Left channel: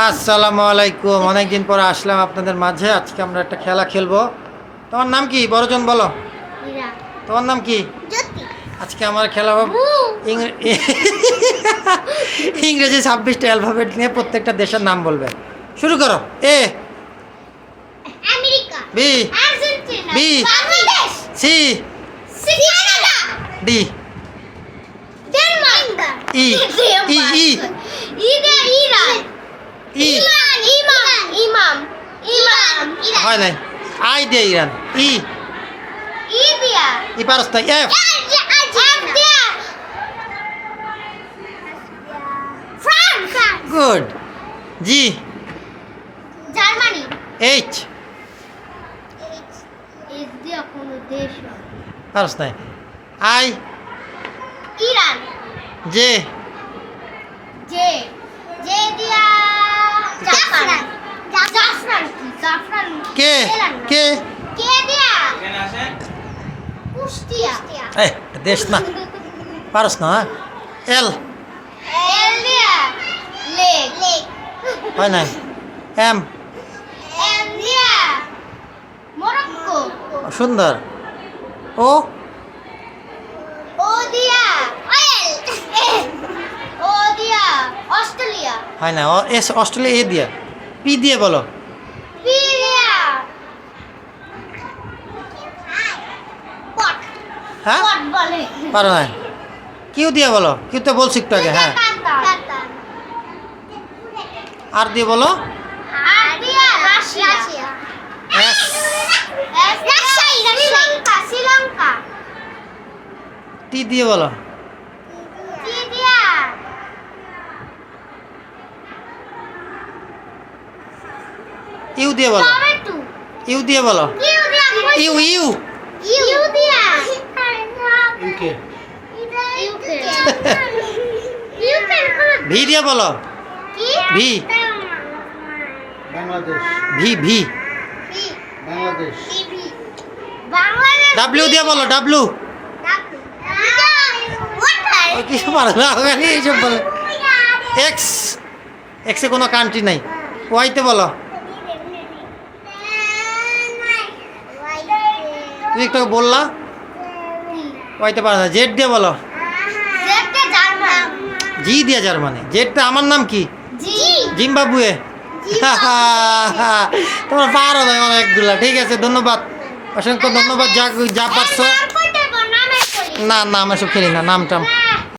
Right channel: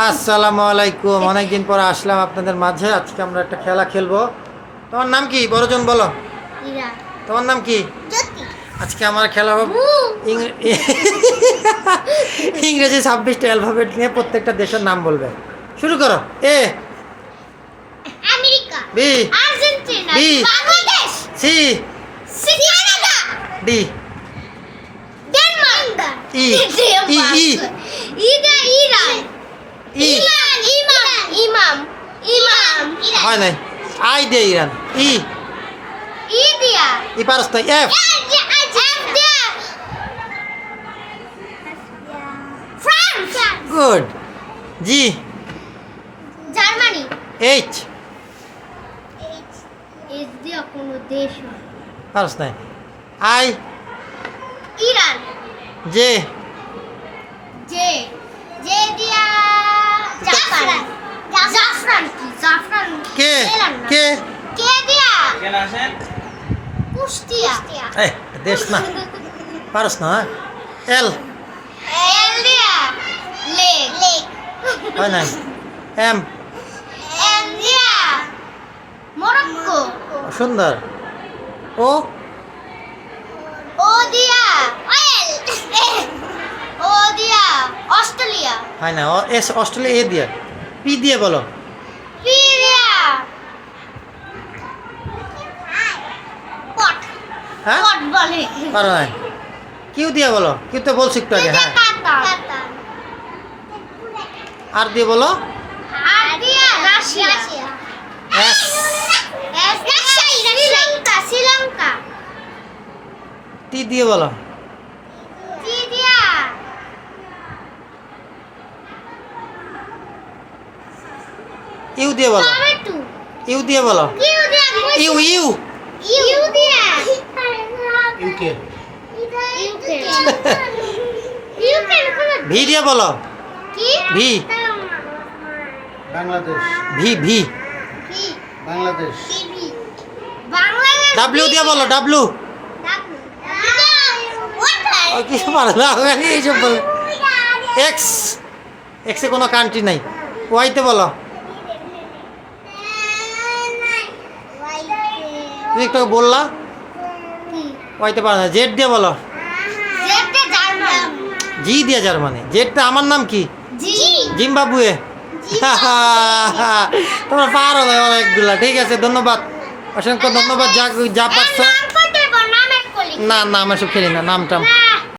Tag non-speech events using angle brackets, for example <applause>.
আসসালামু আলাইকুম। অনেকদিন পর আসলাম আপনাদের মাঝে। আজকে আমরা একটা খেলা খেলব। তোমার নাম কি? বড়জন বলো। ইরা। তোমার নাম কি? জ্যোতি। আজকে আমার খেলা হবে ইংরে- <laughs> ইংরেজি ছাব্বিশটা অ্যালফাবেট নিয়ে প্রত্যেকটা দেশের নাম বলবে। শুরু করো। A. America. B. Argentina. B. Bangladesh. C. D. Denmark. E. E, E. E. ইমান ইমাম ইমাম ইমাম হয় নাই। আই দিয়ে ইরান। ই। ইন্ডিয়া ই পারস না F. Good. G. Germany. H. S দিয়া কোনো দেশ পারস নাই। I. Iran. J. J. J দিয়া। কে। কে দিয়া কুষ্টিয়া। এ দেশ না। পারস না হ্যাঁ? এল। এল দিয়া লেক। লেক। হয় নাই? এম। এম দিয়া মরক্কো। সুন্দর। ও? ও দিয়া অয়েল ও দিয়া অস্ট্রেলিয়া। হয় না ও এস অস্ট্রেলিয়া এ দিয়ে। পি দিয়ে বলো পি দিয়া পট হ্যাঁ? পারো না কিউ দিয়ে বলো? কিউ তো বলছি একটু আগে হ্যাঁ। আর দিয়ে বলো? টি দিয়ে বলো। ইউ দিয়ে বলো। ইউ দিয়ে বলো। U U. UK UK UK V দিয়ে বলো। কি? V. Bangladesh. V V. Bangladesh. Bangladesh W দিয়ে বলো ডাব্লিউ কিছু পারো না এইসব বলে এক্স এক্সে কোনো কান্ট্রি নাই। ওয়াইতে বলো। তুমি একটু বললা। ওয়াইতে পারো না। জেড দিয়ে বলো। জি দিয়ে জার্মানি। জেডটা আমার নাম কি? জিম্বাবুয়ে। <laughs> তোমরা পারো ভাই অনেকগুলা ঠিক আছে ধন্যবাদ। অসংখ্য ধন্যবাদ যা যা পারছ। না না আমি সব খেলি না নাম টাম না।